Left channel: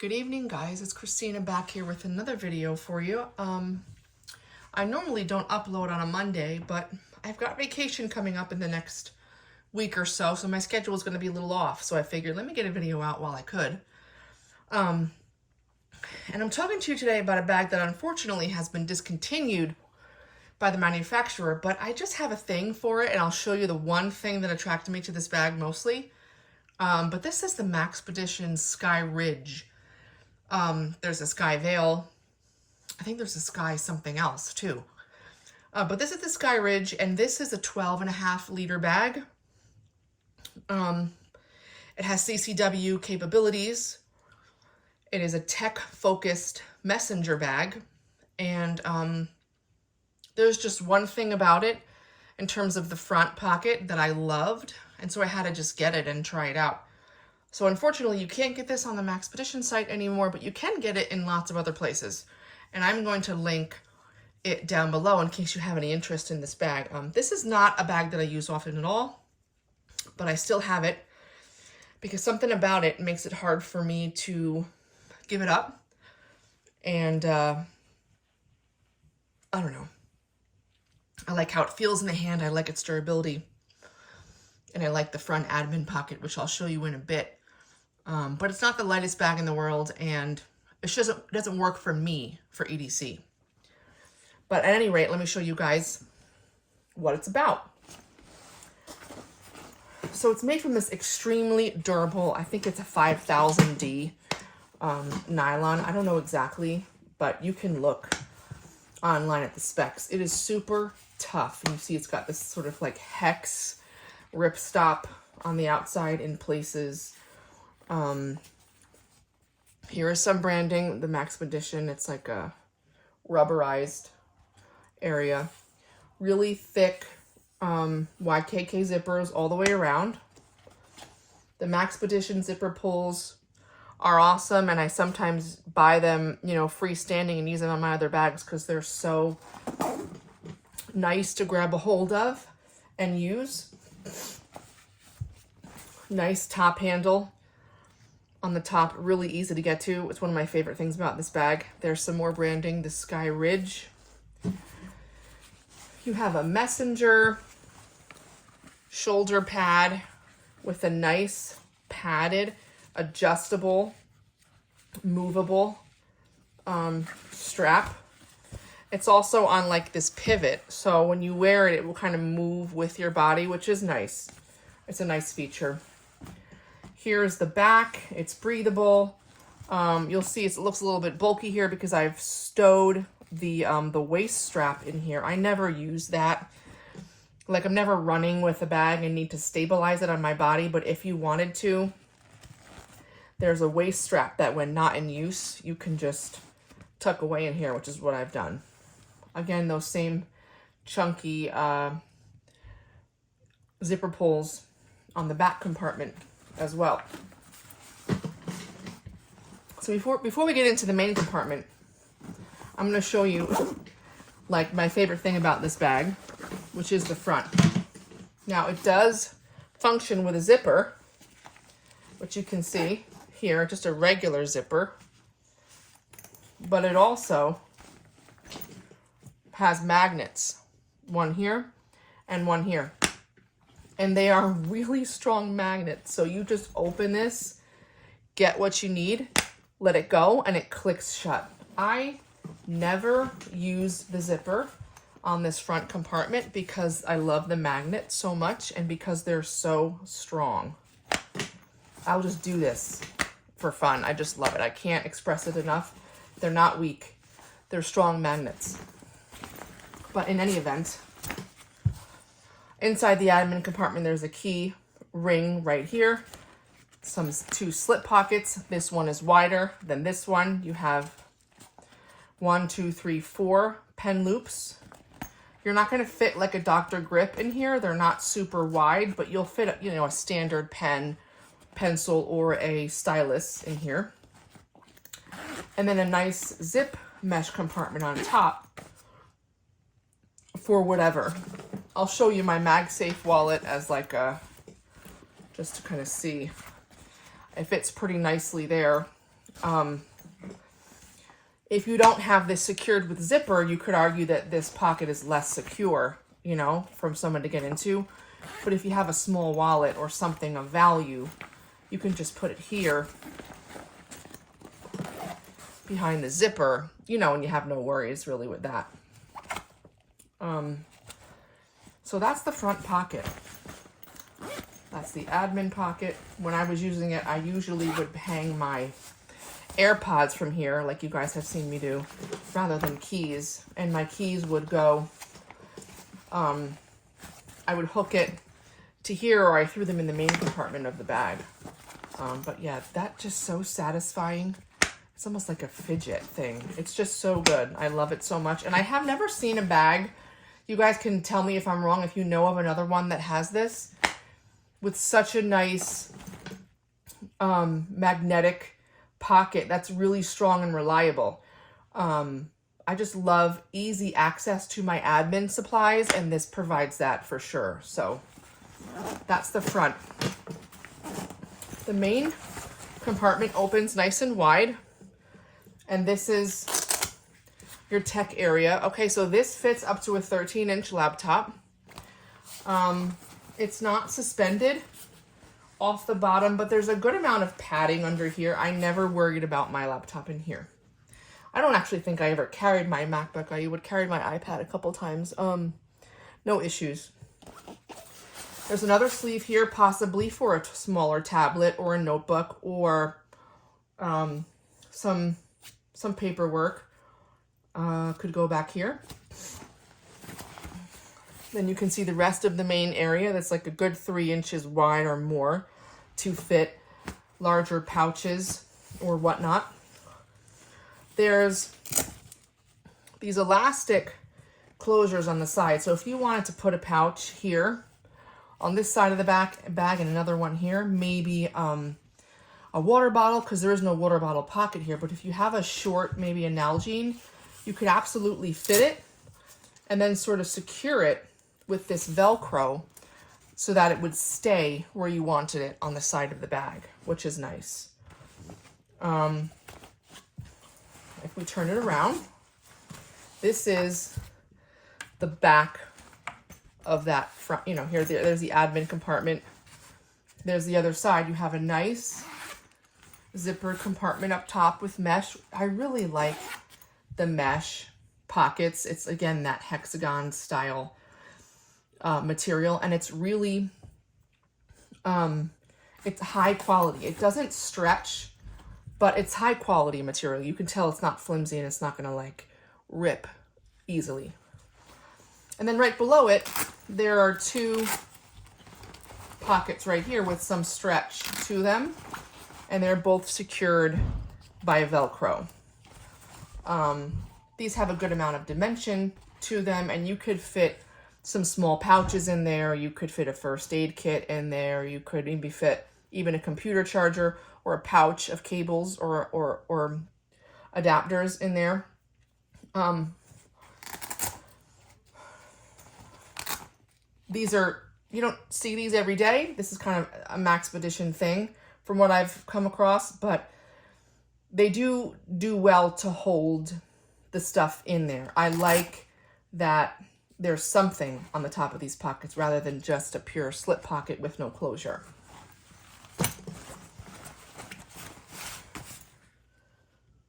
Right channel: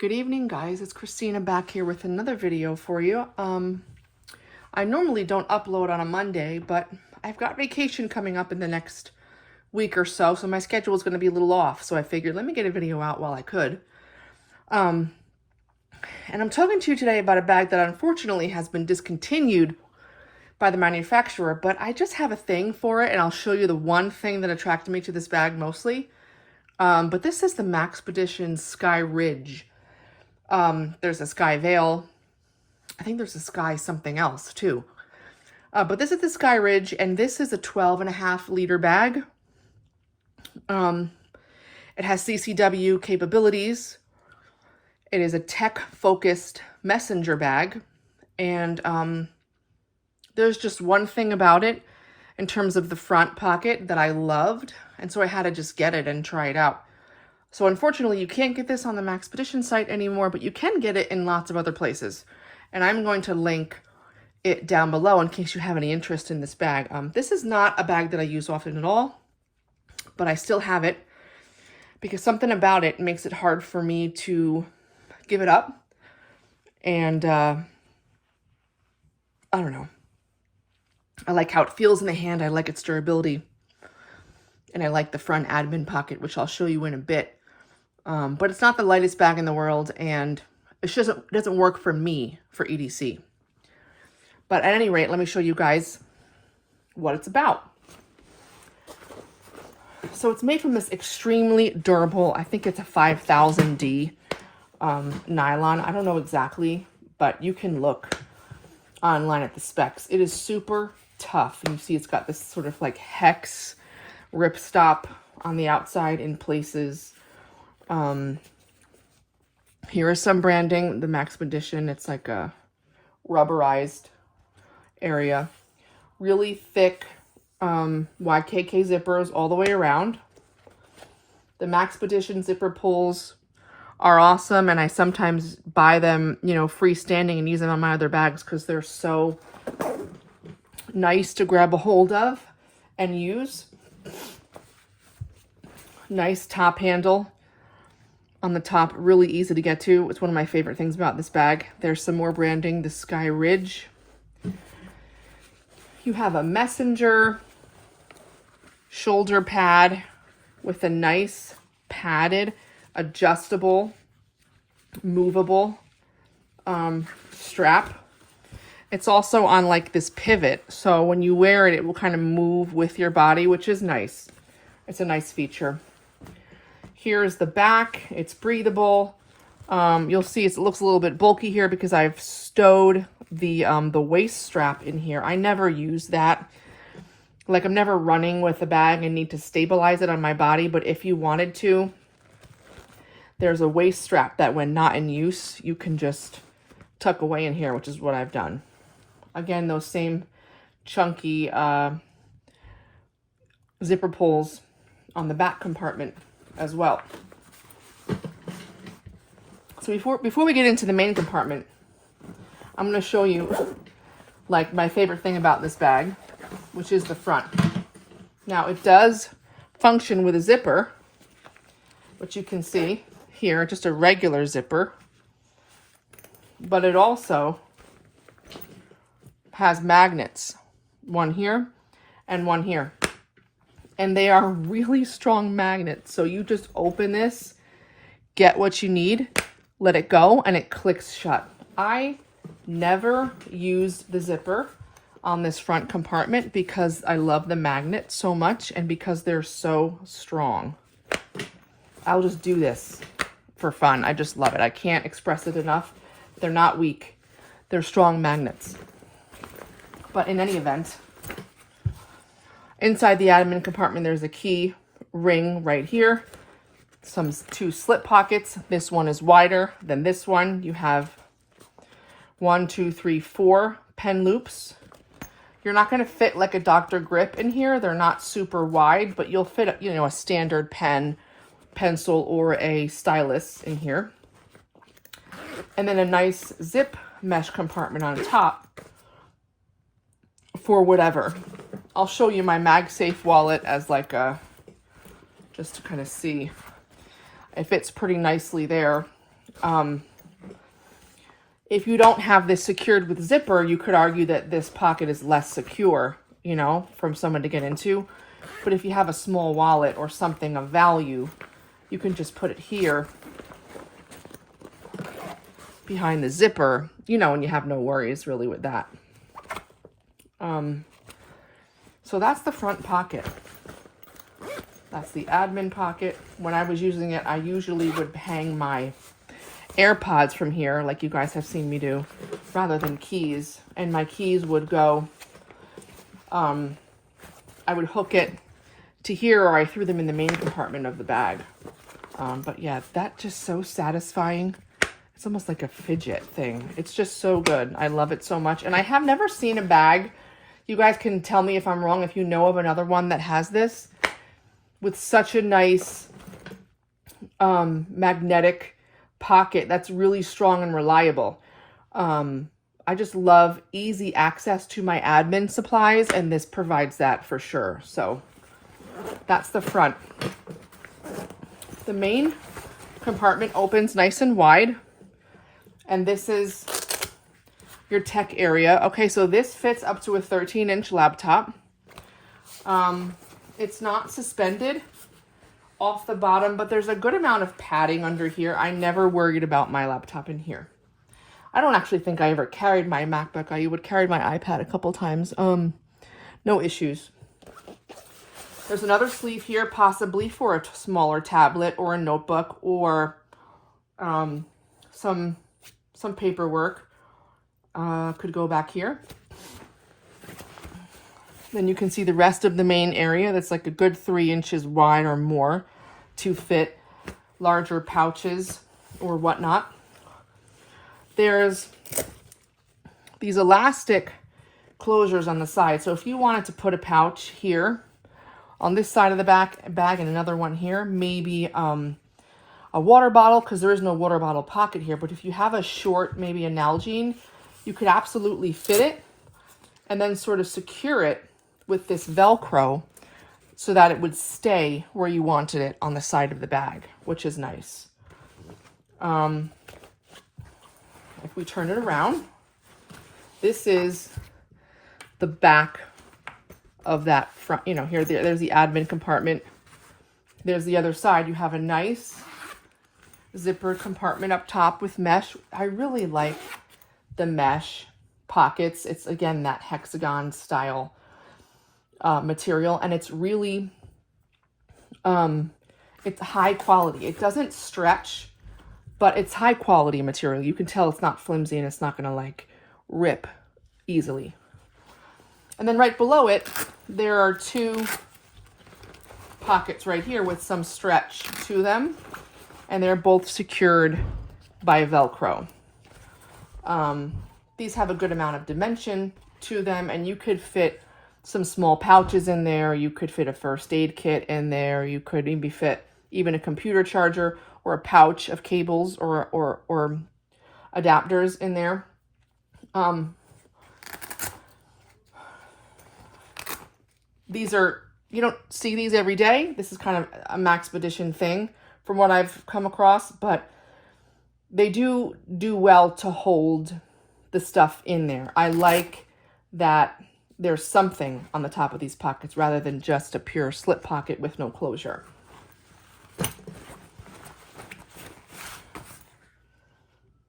Good evening, guys. It's Christina back here with another video for you. I normally don't upload on a Monday, but I've got vacation coming up in the next week or so my schedule is going to be a little off. So I figured, let me get a video out while I could. And I'm talking to you today about a bag that unfortunately has been discontinued by the manufacturer, but I just have a thing for it, and I'll show you the one thing that attracted me to this bag mostly. But this is the Maxpedition Skyridge. There's a Sky Veil. I think there's a Sky something else too. But this is the Skyridge, and this is a 12.5-liter bag. It has CCW capabilities. It is a tech-focused messenger bag. And there's just one thing about it in terms of the front pocket that I loved. And so I had to just get it and try it out. So unfortunately, you can't get this on the Maxpedition site anymore, but you can get it in lots of other places. And I'm going to link it down below in case you have any interest in this bag. This is not a bag that I use often at all, but I still have it because something about it makes it hard for me to give it up. And I don't know. I like how it feels in the hand. I like its durability. And I like the front admin pocket, which I'll show you in a bit. But it's not the lightest bag in the world, and it just doesn't work for me for EDC. But at any rate, let me show you guys what it's about. So it's made from this extremely durable, I think it's a 5000D nylon. I don't know exactly, but you can look online at the specs. It is super tough. And you see it's got this sort of like hex ripstop on the outside in places. Here is some branding, the Maxpedition. It's like a rubberized area. Really thick YKK zippers all the way around. The Maxpedition zipper pulls are awesome, and I sometimes buy them, you know, freestanding and use them on my other bags because they're so nice to grab a hold of and use. Nice top handle on the top, really easy to get to. It's one of my favorite things about this bag. There's some more branding, the Skyridge. You have a messenger shoulder pad with a nice padded, adjustable, movable strap. It's also on like this pivot, so when you wear it, it will kind of move with your body, which is nice. It's a nice feature. Here's the back. It's breathable. You'll see it looks a little bit bulky here because I've stowed the waist strap in here. I never use that. Like, I'm never running with a bag and need to stabilize it on my body, but if you wanted to, there's a waist strap that when not in use, you can just tuck away in here, which is what I've done. Again, those same chunky zipper pulls on the back compartment as well. So before we get into the main compartment, I'm going to show you like my favorite thing about this bag, which is the front. Now it does function with a zipper, which you can see here, just a regular zipper, but it also has magnets, one here and one here. And they are really strong magnets. So you just open this, get what you need, let it go, and it clicks shut. I never use the zipper on this front compartment because I love the magnet so much and because they're so strong. I'll just do this for fun. I just love it. I can't express it enough. They're not weak. They're strong magnets. But in any event, inside the admin compartment, there's a key ring right here. Two slip pockets. This one is wider than this one. You have 1, 2, 3, 4 pen loops. You're not going to fit like a Dr. Grip in here. They're not super wide, but you'll fit, you know, a standard pen, pencil, or a stylus in here. And then a nice zip mesh compartment on top for whatever. I'll show you my MagSafe wallet as like a, just to kind of see. It fits pretty nicely there. If you don't have this secured with zipper, you could argue that this pocket is less secure, you know, from someone to get into. But if you have a small wallet or something of value, you can just put it here behind the zipper, you know, and you have no worries really with that. So that's the front pocket. That's the admin pocket. When I was using it, I usually would hang my AirPods from here, like you guys have seen me do, rather than keys. And my keys would go, I would hook it to here, or I threw them in the main compartment of the bag. But yeah, that's just so satisfying. It's almost like a fidget thing. It's just so good. I love it so much. And I have never seen a bag, you guys can tell me if I'm wrong, if you know of another one that has this, with such a nice magnetic pocket that's really strong and reliable. I just love easy access to my admin supplies, and this provides that for sure. So that's the front. The main compartment opens nice and wide, and this is your tech area. Okay, so this fits up to a 13-inch laptop. It's not suspended off the bottom, but there's a good amount of padding under here. I never worried about my laptop in here. I don't actually think I ever carried my MacBook. I would carry my iPad a couple times. No issues. There's another sleeve here, possibly for a smaller tablet or a notebook, or some paperwork. Could go back here. Then you can see the rest of the main area that's like a good 3 inches wide or more to fit larger pouches or whatnot. There's these elastic closures on the side. So if you wanted to put a pouch here on this side of the bag and another one here, maybe a water bottle, because there is no water bottle pocket here, but if you have a short, maybe a Nalgene, you could absolutely fit it and then sort of secure it with this Velcro so that it would stay where you wanted it on the side of the bag, which is nice. If we turn it around, this is the back of that front, you know, there's the admin compartment. There's the other side. You have a nice zippered compartment up top with mesh. I really like the mesh pockets. It's, again, that hexagon style material, and it's really, it's high quality. It doesn't stretch, but it's high quality material. You can tell it's not flimsy and it's not gonna like rip easily. And then right below it, there are two pockets right here with some stretch to them, and they're both secured by Velcro. These have a good amount of dimension to them, and you could fit some small pouches in there. You could fit a first aid kit in there. You could maybe fit even a computer charger or a pouch of cables or adapters in there. These are, you don't see these every day. This is kind of a Maxpedition thing from what I've come across, but they do well to hold the stuff in there. I like that there's something on the top of these pockets rather than just a pure slip pocket with no closure.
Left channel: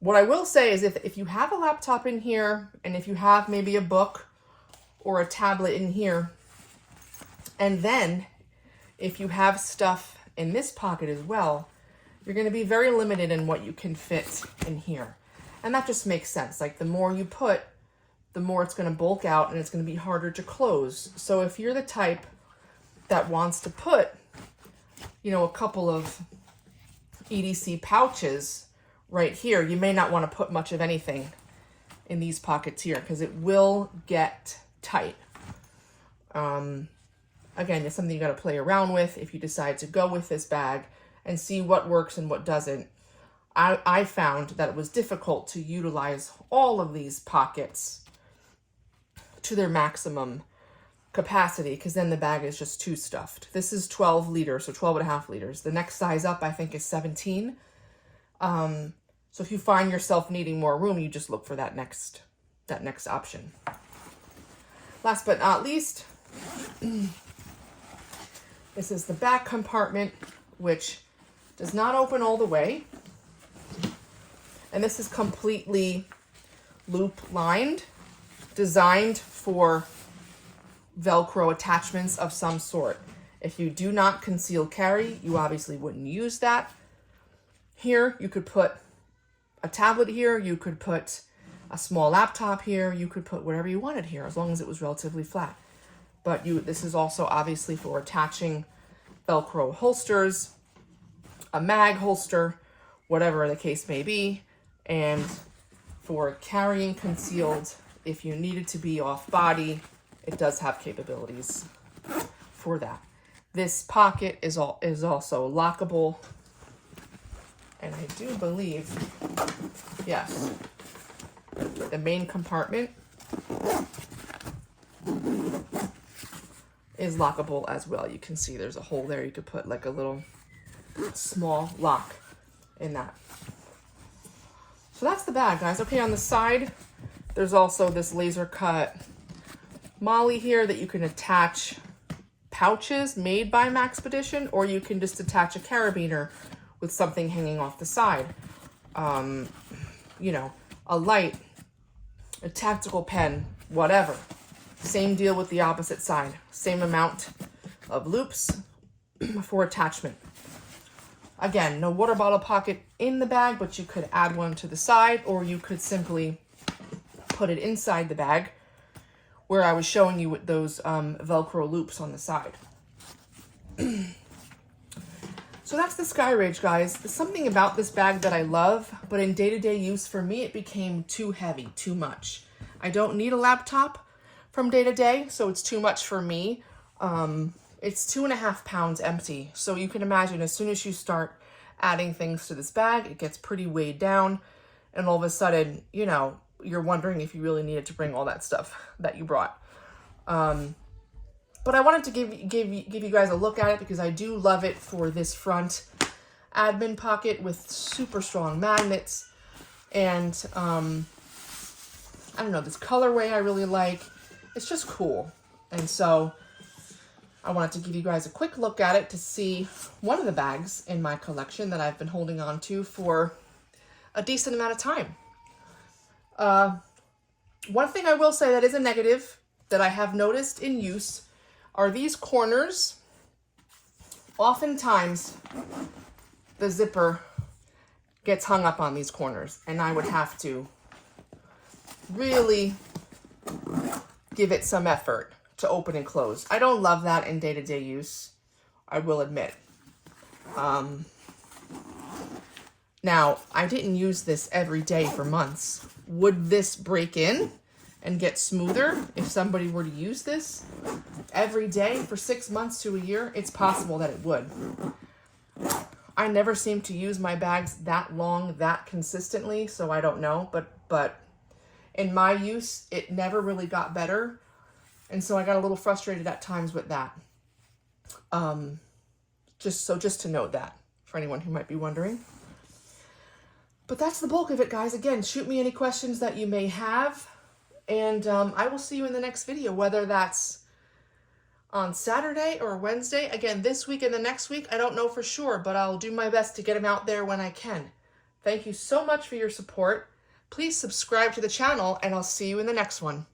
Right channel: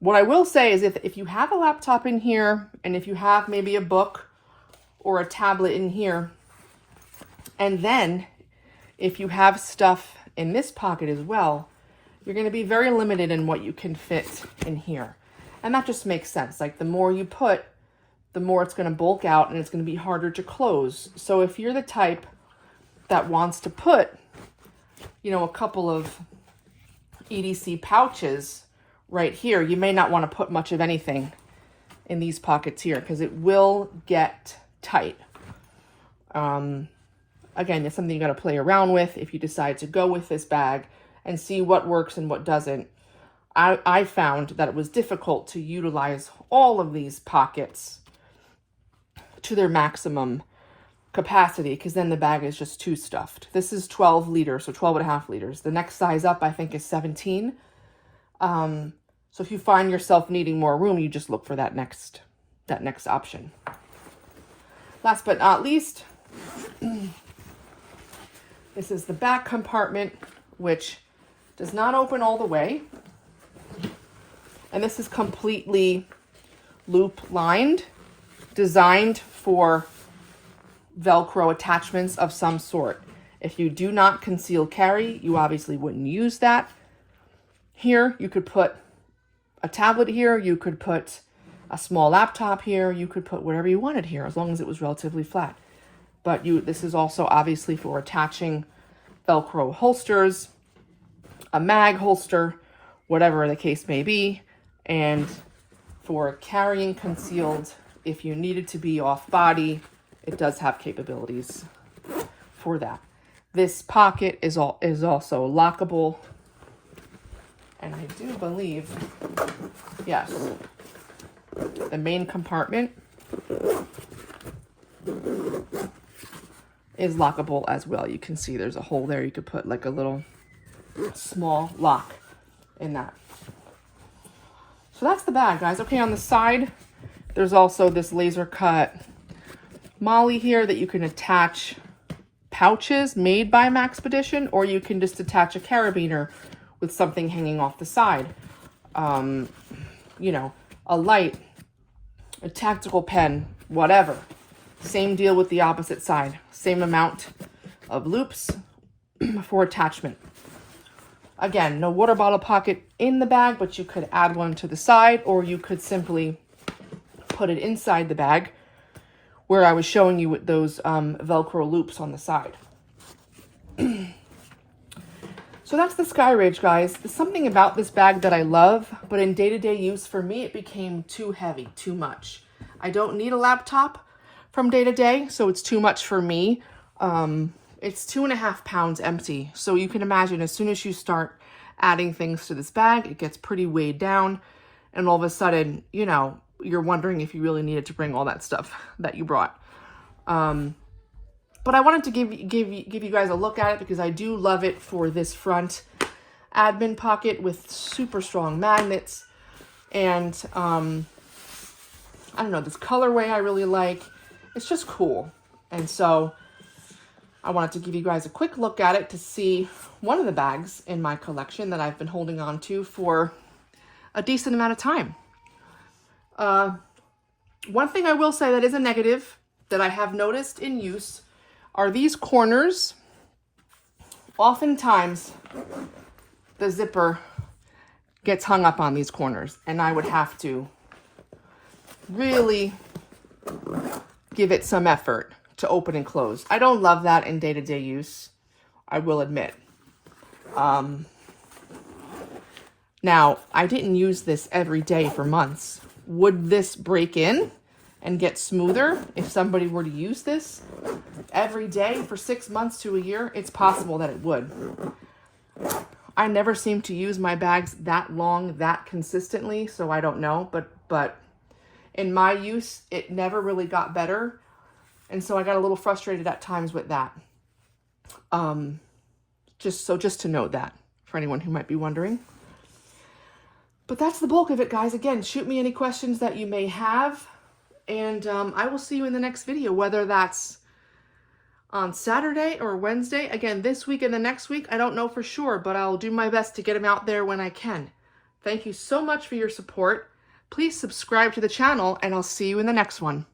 What I will say is if you have a laptop in here, and if you have maybe a book or a tablet in here, and then if you have stuff in this pocket as well, you're going to be very limited in what you can fit in here. And that just makes sense. Like, the more you put, the more it's going to bulk out and it's going to be harder to close. So if you're the type that wants to put, you know, a couple of EDC pouches right here, you may not want to put much of anything in these pockets here because it will get tight. Again, it's something you got to play around with if you decide to go with this bag and see what works and what doesn't. I found that it was difficult to utilize all of these pockets to their maximum capacity because then the bag is just too stuffed. This is 12 liters, so 12 and a half liters. The next size up, I think, is 17. So if you find yourself needing more room, you just look for that next option. Last but not least, this is the back compartment, which does not open all the way. And this is completely loop lined, designed for Velcro attachments of some sort. If you do not conceal carry, you obviously wouldn't use that. Here, you could put a tablet here, you could put a small laptop here, you could put whatever you wanted here, as long as it was relatively flat. But this is also obviously for attaching Velcro holsters, a mag holster, whatever the case may be, and for carrying concealed, if you needed to be off body, it does have capabilities for that. This pocket is also lockable, and I do believe, yes, the main compartment is lockable as well. You can see there's a hole there. You could put like a little small lock in that. So that's the bag, guys. Okay, on the side, there's also this laser cut molly here that you can attach pouches made by Maxpedition, or you can just attach a carabiner with something hanging off the side. You know, a light, a tactical pen, whatever. Same deal with the opposite side. Same amount of loops for attachment. Again, no water bottle pocket in the bag, but you could add one to the side, or you could simply put it inside the bag where I was showing you with those Velcro loops on the side. So that's the Skyridge, guys. There's something about this bag that I love, but in day-to-day use for me, it became too heavy, too much. I don't need a laptop from day to day, so it's too much for me. It's 2.5 pounds empty. So you can imagine as soon as you start adding things to this bag, it gets pretty weighed down. And all of a sudden, you know, you're wondering if you really needed to bring all that stuff that you brought. But I wanted to give you guys a look at it because I do love it for this front admin pocket with super strong magnets. And I don't know, this colorway I really like. It's just cool. And so I wanted to give you guys a quick look at it to see one of the bags in my collection that I've been holding on to for a decent amount of time. One thing I will say that is a negative that I have noticed in use are these corners. Oftentimes the zipper gets hung up on these corners, and I would have to really give it some effort to open and close. I don't love that in day-to-day use, I will admit. Now, I didn't use this every day for months. Would this break in and get smoother if somebody were to use this every day for 6 months to a year? It's possible that it would. I never seem to use my bags that long, that consistently, so I don't know. But in my use, it never really got better. And so I got a little frustrated at times with that. Just to note that for anyone who might be wondering. But that's the bulk of it, guys. Again, shoot me any questions that you may have. And I will see you in the next video, whether that's on Saturday or Wednesday. Again, this week and the next week, I don't know for sure, but I'll do my best to get them out there when I can. Thank you so much for your support. Please subscribe to the channel, and I'll see you in the next one.